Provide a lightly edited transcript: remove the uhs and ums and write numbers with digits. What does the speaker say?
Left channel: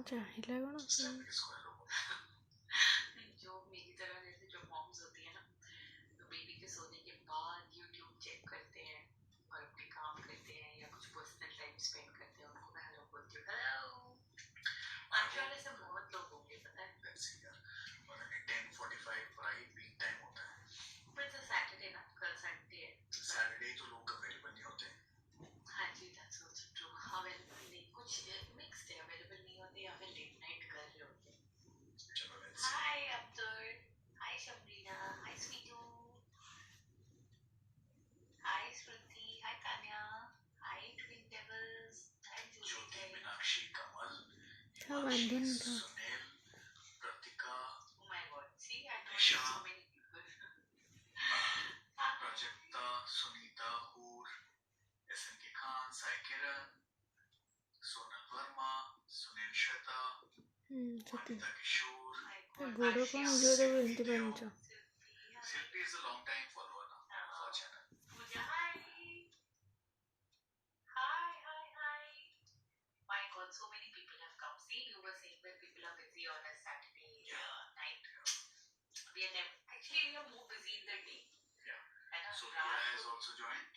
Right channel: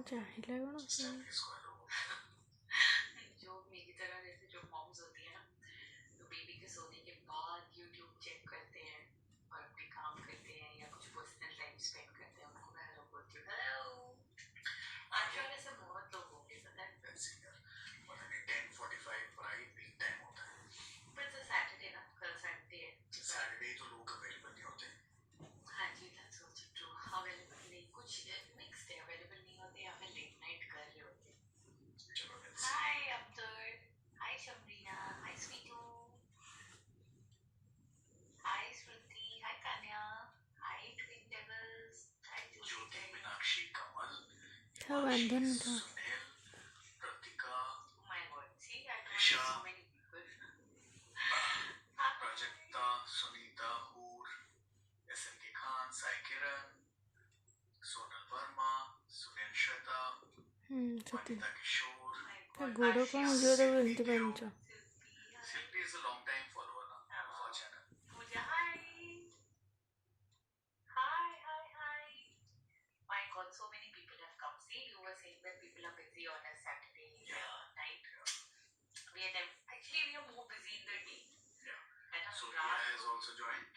चाहिए कौन जो मेरी तरह जैसे जो मॉम्स होती है ना, तो बेबी के सोने के बाद यूट्यूब चेक करते हैं और अपने काम करते हैं या कुछ पर्सनल टाइम स्पेंड करते हैं, उनको मैं हेलो बोलती हूँ, हेलो। आजकल ऐसे बहुत लोग होंगे, पता है। 10:45 राइट पीक टाइम होता है, बट सैटरडे ना, कल संडे है, सैटरडे तो लोग अवेलेबल नहीं होते। हाँ जी, दैट्स आल्सो ट्रू। अवेलेबल नहीं, कुछ मिक्स्ड है, अवेलेबल नहीं होते या फिर लेट नाइट कर रहे होते। चलो let's see. Hi Abdul, hi Shamrina, hi Sweetu, hi Shruti, hi Kanya, hi twin devils, hi Jyoti, Meenakshi, Kamal, था बंधन था सुनील, प्रतीका, oh my god, see I know so many people. Prajakta, सुनीता, हूर, SNK खान, साई किरण, सोनल वर्मा, सुनील श्वेता, सती Anita Kishore, गोड़ों को मुझे तो बंती पंचा Silpi is a long time follower now of our channel. Pooja, hi. Hi, hi, hi. My God, so many people have come. See, you were saying that people are busy on a Saturday night. We are actually we are more busy in the day. Yeah. And So Ria has also joined.